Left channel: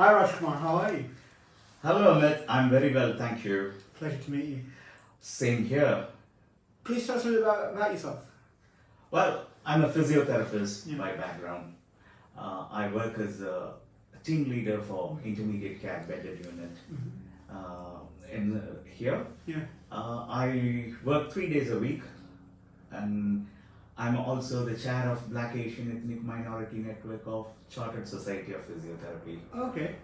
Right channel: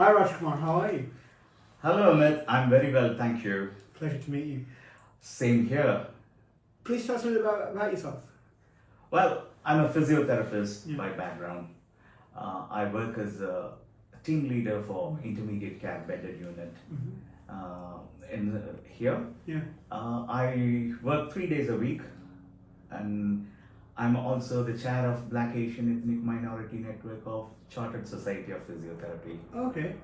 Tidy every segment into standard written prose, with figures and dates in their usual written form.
Hi Rajkumar, how are you? Hello, Amit. I'm very well, thank you. Pleasure to meet you. Same here. Please tell us a bit about yourself. Well, I'm a physiotherapist Yeah. by background. I work as a team leader for intermediate care bedded unit in here. Yeah. I work 3 days a week, and I'm also the chair of Black Asian Ethnic Minority Network of Chartered Society of Physiotherapy. Okay.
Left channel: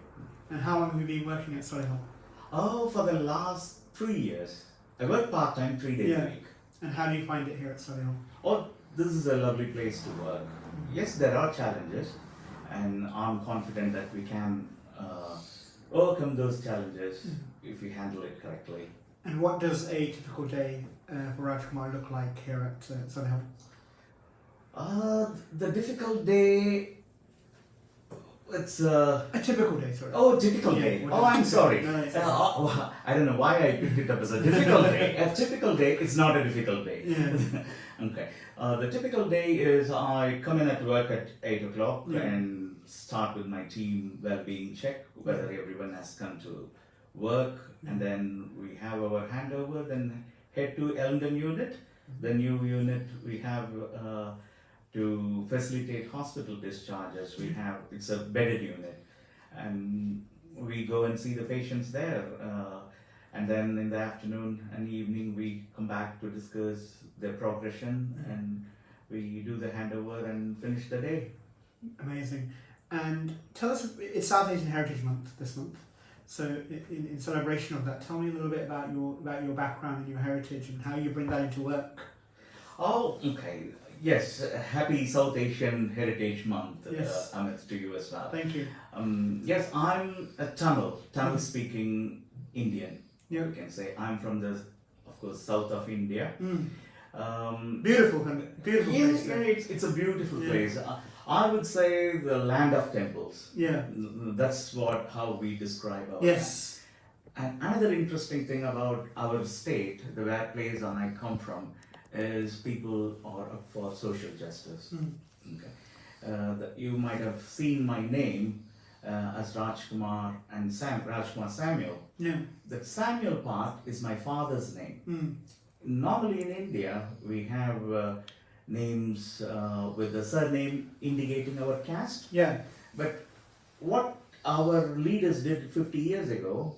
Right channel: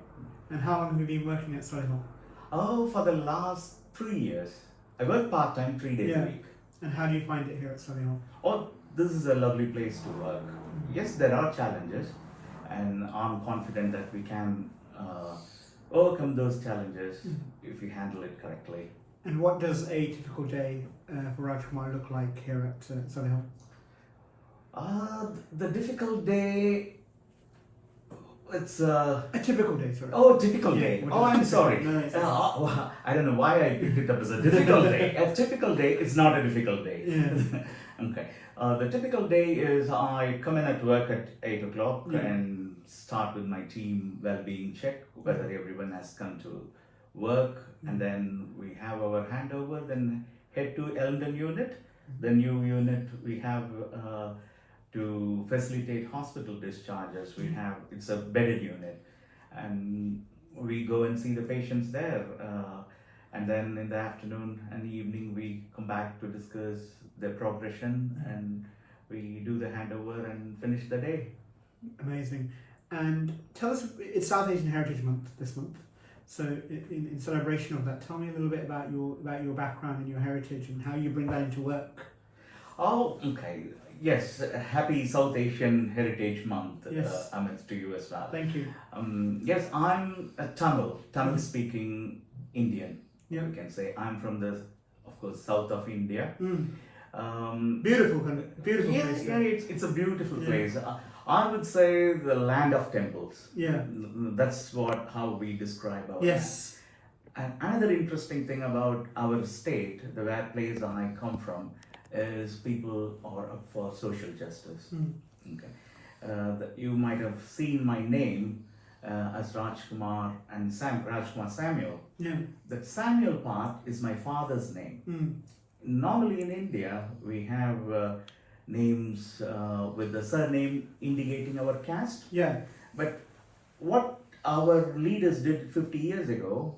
And how long have you been working at Solihull? Oh, for the last 3 years. I work part-time 3 days a Yeah. week. And how do you find it here at Solihull? Oh, this is a lovely place to work. Yes, there are challenges, and I'm confident that we can overcome those challenges if we handle it correctly. And what does a typical day for Rajkumar look like here at Solihull? The difficult day, it's A typical day, sorry. typical Yeah, day. what Oh, is- I'm sorry. No, it's okay. Well, I don't know why I picked it up as a difficult day. A typical day is not a difficult day. Yeah. Okay. The typical day is I come in at work at 8 o'clock Yeah. and start with my team well-being check, whether everyone has come to work, and then we have our handover, then head to Elmden unit. The new unit we have to facilitate hospital discharges. It's a bedded unit, and we go and see the patients there. And then in the afternoon and evening, we come back to discuss their progression, and we do the handover and finish the day. Amazing. And tell us, it's South Asian Heritage Month this month. So in celebration of that, tell me a little bit about your background and your heritage and how you bring that into work. Oh, okay. Yes, happy South Asian Heritage Month, Yes. Amit, to you as well. Thank you. Yes, I'm a Tamil speaking Indian. Yeah. We can say I'm from the, of course, south of India. Beautiful place. Yeah, it's a beautiful Yeah. place. I would say the land of temples. Yeah. That's how we describe our Yes. land. And another interesting thing about our state, the where place I come from, is people are up for social justice. Okay. You might have seen my name as Rajkumar and Rajkumar Samuel. Yeah. The Samuel part is my father's name. Normally in India, we have names with the surname indicating our caste. Yeah. But what our leaders did 50 years ago,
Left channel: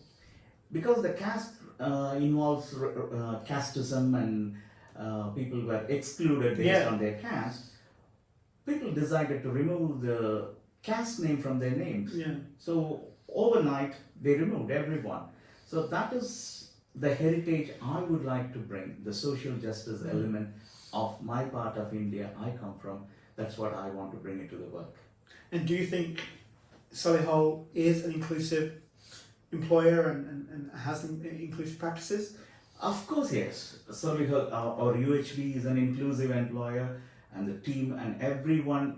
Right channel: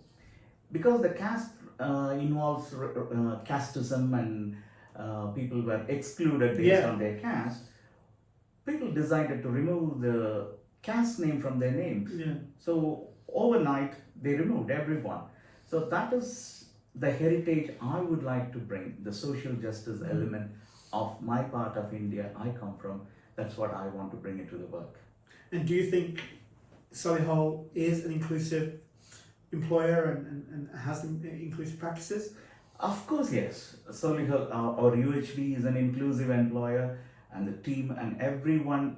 because the caste involves casteism and people were excluded based on their caste, people decided to remove the caste name from their names. Yeah. So overnight, they removed everyone. So that is the heritage I would like to bring, the social justice element of my part of India I come from. That's what I want to bring into the work. And do you think Solihull is an inclusive employer and has inclusive practices? Of course, yes. Solihull, our UHB is an inclusive employer, and the team and everyone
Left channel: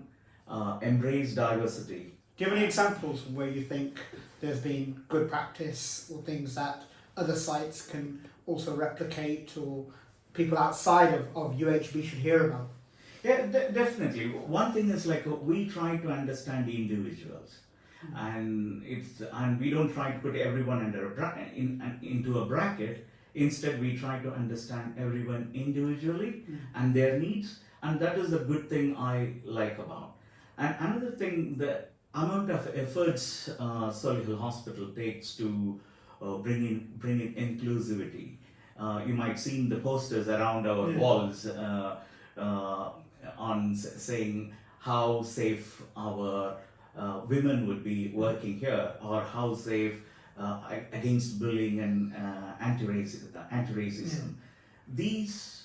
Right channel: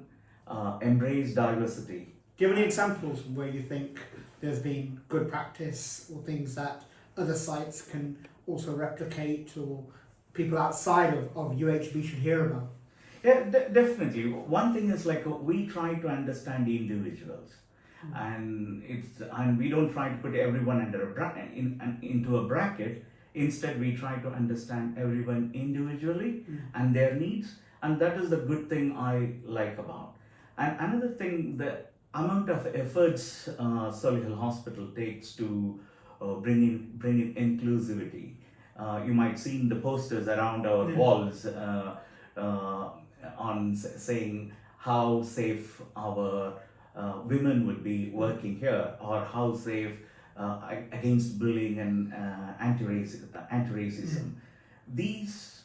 embrace diversity. Do you have any examples where you think there's been good practice or things that other sites can also replicate or people outside of UHB should hear about? Yeah, definitely. One thing is like we try to understand the individuals, and we don't try to put everyone under into a bracket. Instead, we try to understand everyone individually and their needs, and that is the good thing I like about. And another thing, the amount of efforts Solihull Hospital takes to bring in inclusivity. You might seen the posters around our walls saying how safe our women would be working here, or how safe against bullying and anti-racism. These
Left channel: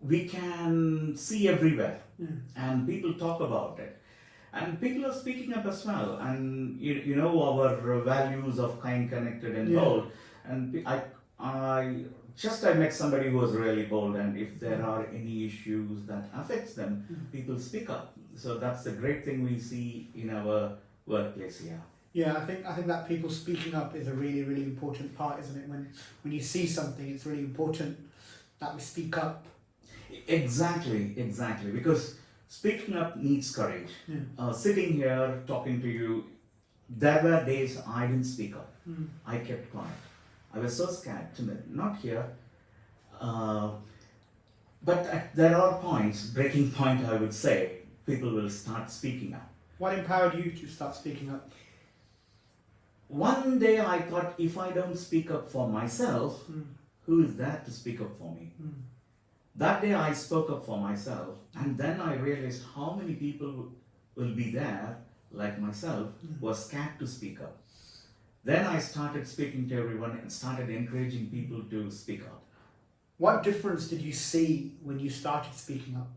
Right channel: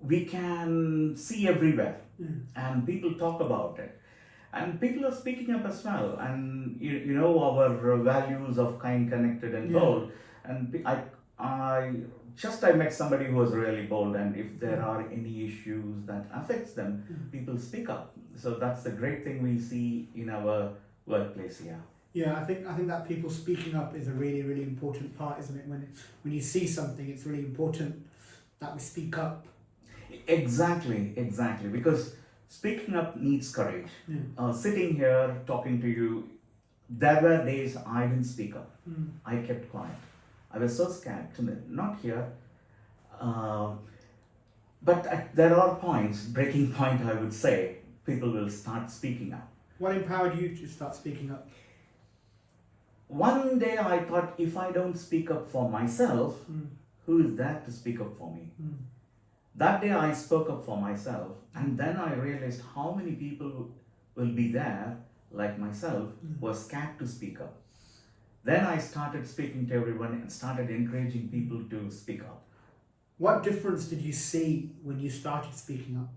we can see everywhere, and people talk about it, and people are speaking up as well. And you know our values of kind, connected, and bold. And I met somebody who was really bold, and if there are any issues that affects them, people speak up. So that's the great thing we see in our workplace here. Yeah, I think that people speaking up is a really, really important part, isn't it? When you see something, it's really important that we speak up. Exactly, because speaking up needs courage. Sitting here talking to you there were days I didn't speak up. Mm. I kept quiet. I was so scared, timid, not here. But there are points, breaking point I would say, people will start speaking up. What empowered you to start speaking up? One day I thought, if I don't speak up for myself, who is there to speak up for me? That day I spoke up for myself, and then I realized how many people will be there, like myself, who are scared to speak up. Then I started speaking to everyone and started encouraging people to speak up. What difference did you see when you started speaking up?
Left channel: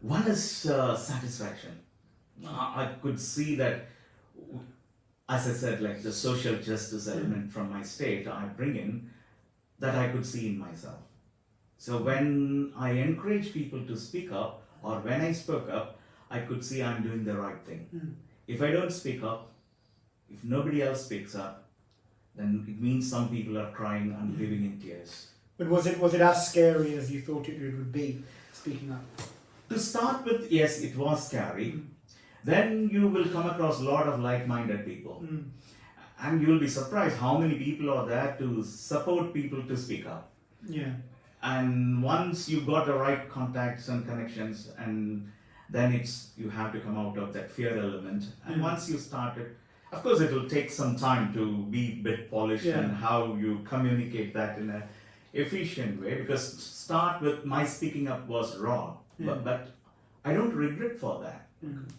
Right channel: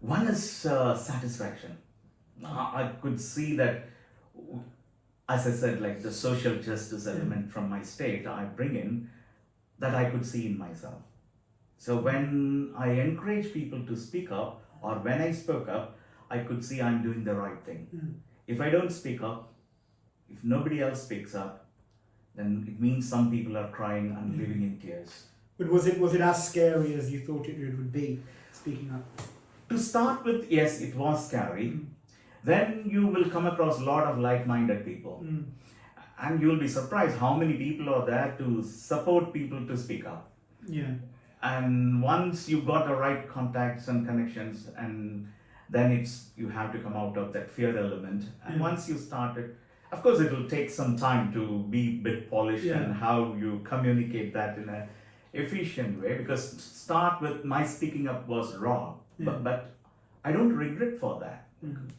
One is satisfaction. I could see that, as I said, like the social justice element from my state I bring in, that I could see in myself. So when I encourage people to speak up, or when I spoke up, I could see I'm doing the right thing. If I don't speak up, if nobody else speaks up, then it means some people are crying and living in tears. But was it as scary as you thought it would be, speaking up? To start with, yes, it was scary. Then you will come across a lot of like-minded people. And you will be surprised how many people are there to support people to speak up. Yeah. And once you've got the right contacts and connections, and then you have to come out of that fear element. And once you start it, of course it will take some time to be a bit polished and how you communicate that in a efficient way, because start with my speaking up was raw, but I don't regret for that,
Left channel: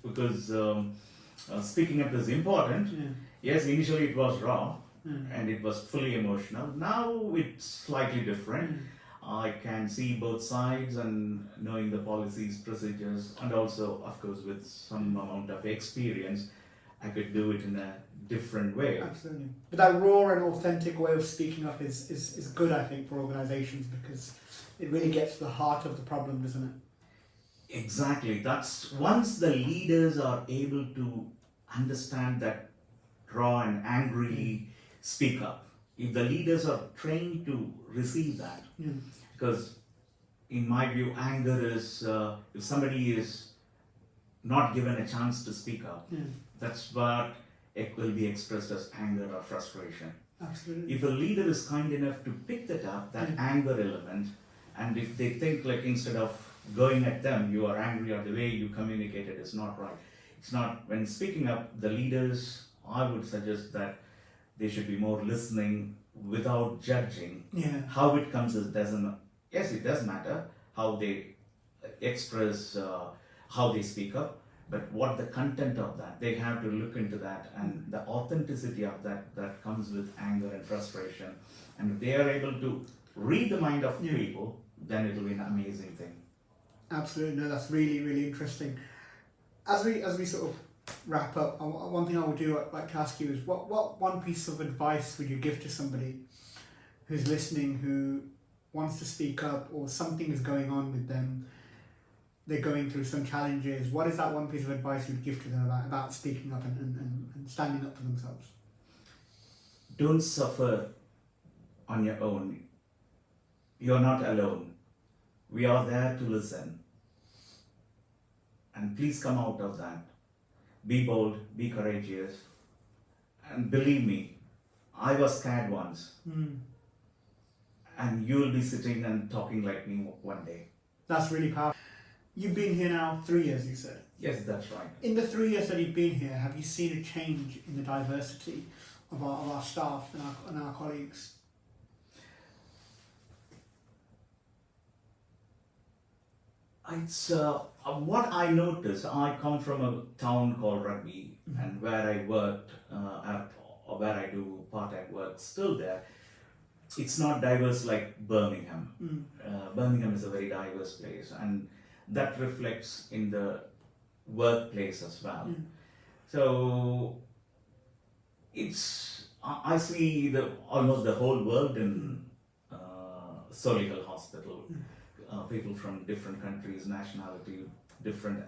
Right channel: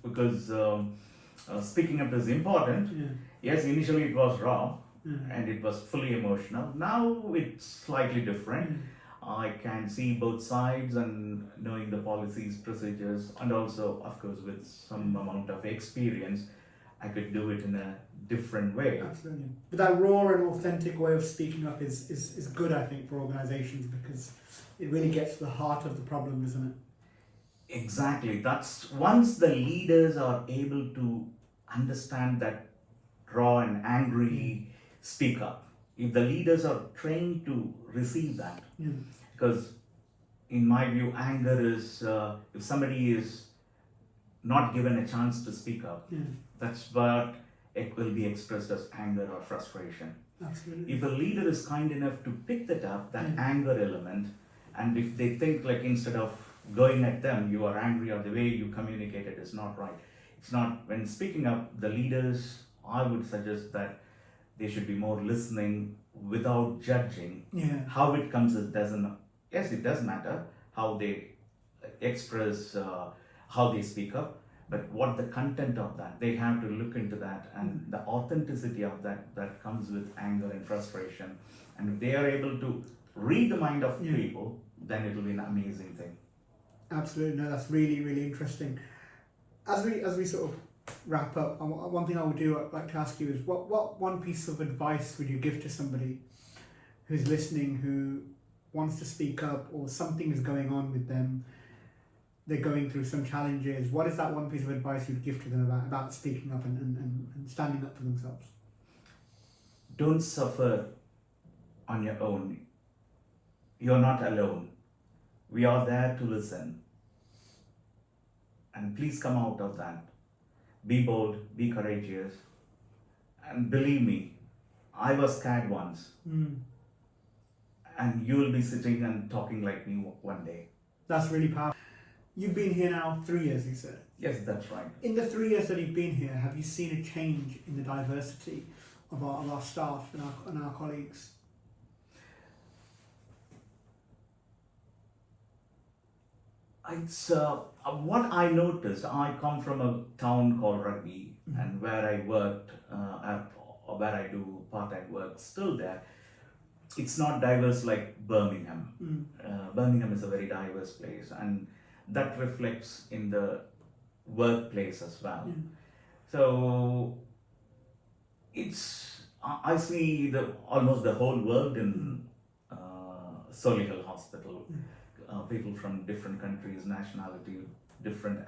because speaking up is important. Yes, initially it was raw and it was fully emotional. Now it's slightly different. I can see both sides and knowing the policies, procedures, and also, of course, with some amount of experience, I could do it in a different way. Absolutely. But that raw and authentic way of speaking up is good, I think, for organisations, because it really gets to the heart of the problem, doesn't it? Exactly. That's once the leaders are able to understand that raw and angry speak up. If the leaders are trained to receive that, because in my view, anger is, if somebody is not given a chance to speak up, that's what it will be expressed as anger or frustration. Absolutely. If a leader is kind enough to pick that up, that anger element, and if they think like instead of going at them, you are angry, or the way you communicate it is not right. It's not, when speaking up, the leaders, I would suggest that they should be more listening without judging. How it comes doesn't, yes, it does matter how they express, how they speak up, but what the content of that, they have to look into that, and the authenticity of that comes with anger and frustration. And if they are able to read the mind of people, then it will be an amazing thing. Absolutely. No, that's really, really interesting. As we sort of wrap up, one thing I will do, I'd like to ask you is, what one piece of advice would you give to somebody who's listening, who wants to speak up, or something is going on with them, they're going through some challenges? What is that one piece of advice you'd give to them about speaking up and standing up for themselves? Don't suffer on your own. You're not alone. We are there to listen. And please come out of that. Be bold, be courageous. And believe me, I was scared once. And you will be sitting and talking like me one day. That's really powerful. You've been here now 3 years, you said. Yes, that's right. In the 3 years that you've been here, have you seen a change in the diversity of our staff and our colleagues? It's what I noticed. I come from a town called Rugby, and where I worked, or where I do part-time work, still there. It's not diverse like Birmingham. Birmingham is a very diverse place, and that reflects in the workplace as well. So I see almost the whole world in Solihull Hospital. People from different countries, nationality, different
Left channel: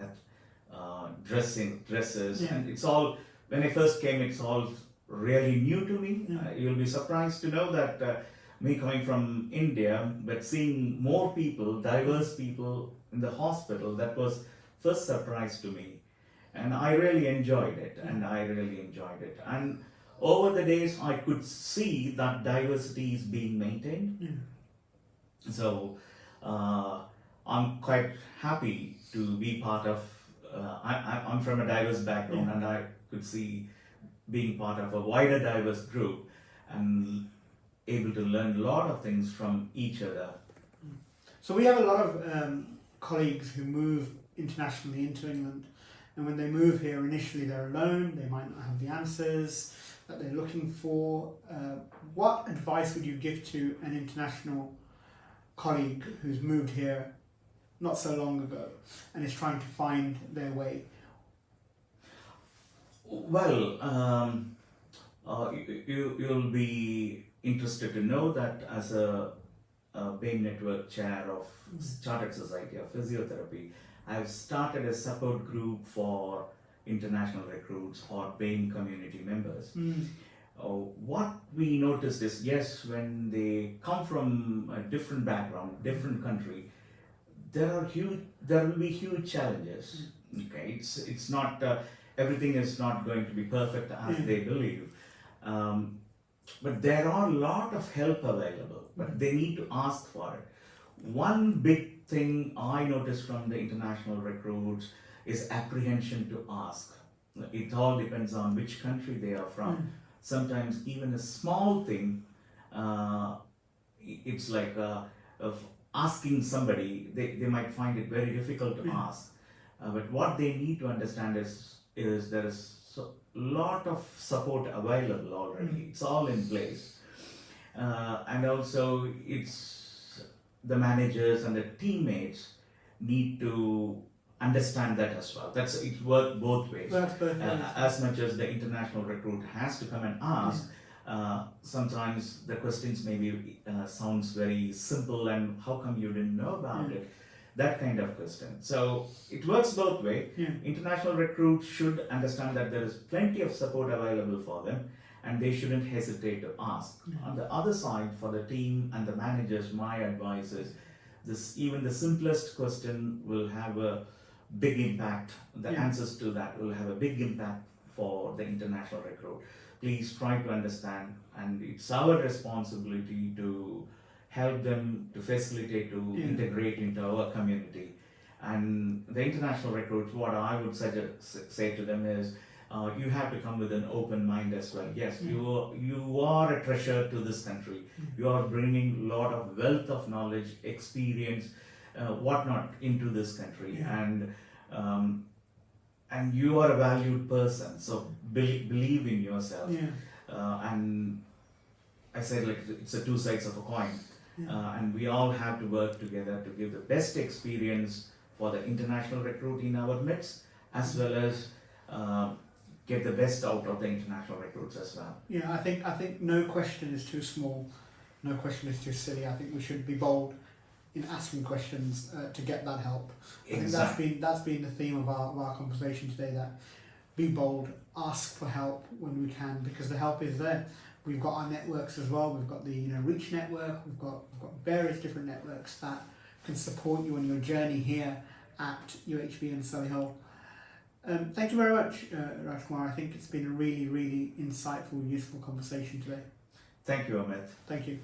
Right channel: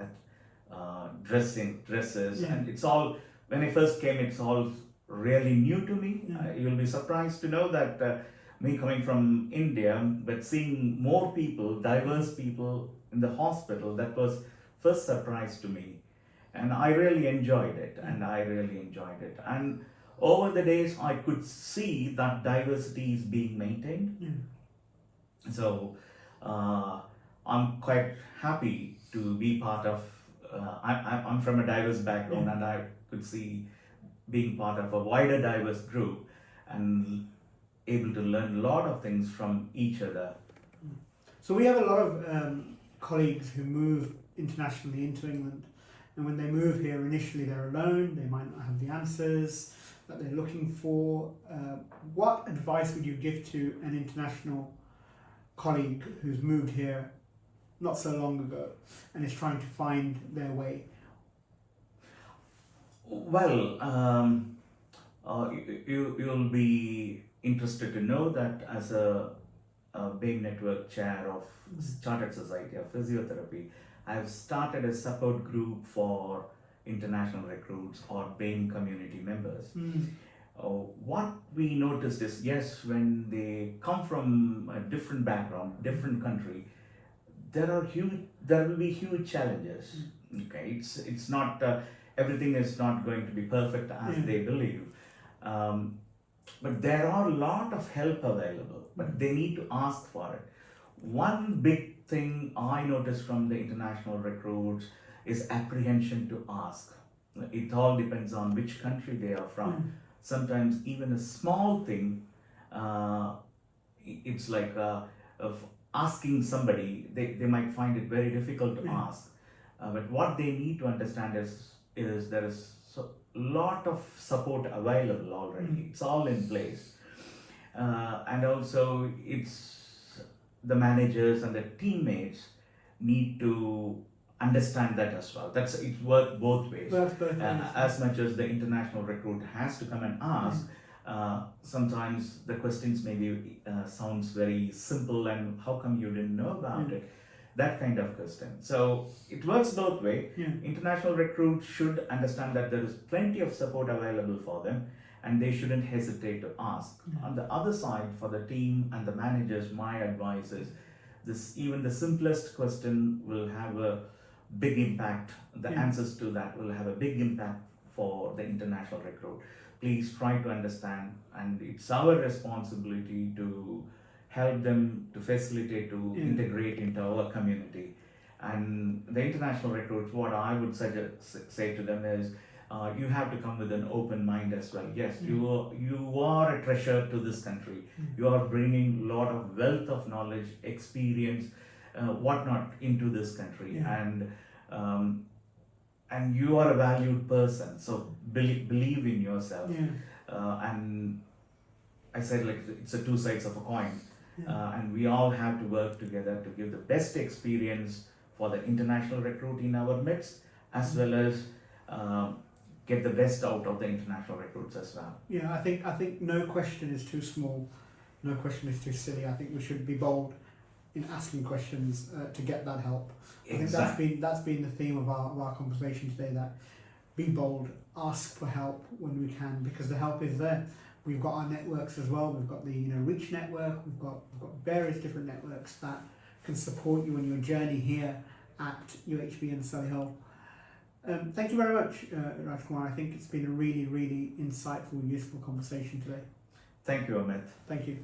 dresses, and it's all, when I first came, it's all really new to me. You'll be surprised to know that me coming from India, but seeing more people, diverse people in the hospital, that was first surprise to me. and I really enjoyed it, and over the days I could see that diversity is being maintained. Yeah. So I'm quite happy to be part of. I'm from a diverse background, and I could see being part of a wider diverse group and able to learn a lot of things from each other. So we have a lot of colleagues who move internationally into England, and when they move here initially they're alone, they might not have the answers that they're looking for. What advice would you give to an international colleague who's moved here not so long ago and is trying to find their way? Well, you'll be interested to know that as a BAME Network Chair of Chartered Society of Physiotherapy, I've started a support group for international recruits or BAME community members. What we noticed is, yes, when they come from a different background, different country, there will be huge challenges. Okay, it's not everything is not going to be perfect as they believe. But there are a lot of help available, but they need to ask for it. One big thing I noticed from the international recruits is apprehension to ask. It all depends on which country they are from. Sometimes even a small thing, it's like of asking somebody, they might find it very difficult to ask. But what they need to understand is there is a lot of support available already. It's all in place. And also it's the managers and the teammates need to understand that as well. It works both ways. As much as the international recruit has to come and ask, sometimes the questions maybe sounds very simple, and how come you didn't know about it? That kind of question. So it works both ways. International recruits should understand that there is plenty of support available for them, and they shouldn't hesitate to ask. On the other side, for the team and the managers, my advice is even the simplest question will have a big impact. The answers to that will have a big impact for the international recruit. Please try to understand, and it's our responsibility to help them, to facilitate, to integrate into our community. And the international recruits, what I would say to them is, you have to come with an open mind as well. Yes, you are a treasure to this country. You are bringing a lot of wealth of knowledge, experience, whatnot into this country, and you are a valued person. So believe in yourself. And I said, like, it's a two sides of a coin. And we all have to work together to give the best experience for the international recruit in our midst, as well as get the best out of the international recruits as well. I think no question is too small, no question is too silly. I think we should be bold in asking questions to get that help. Exactly. I think that's been the theme of our conversation today, that be bold, ask for help when we can, because the help is there. We've got our networks as well. We've got the Reach network. We've got various different networks that can support you on your journey here at UHB in Solihull. Thank you very much, Rajkumar. I think it's been a really, really insightful, useful conversation today. Thank you, Amit. Thank you.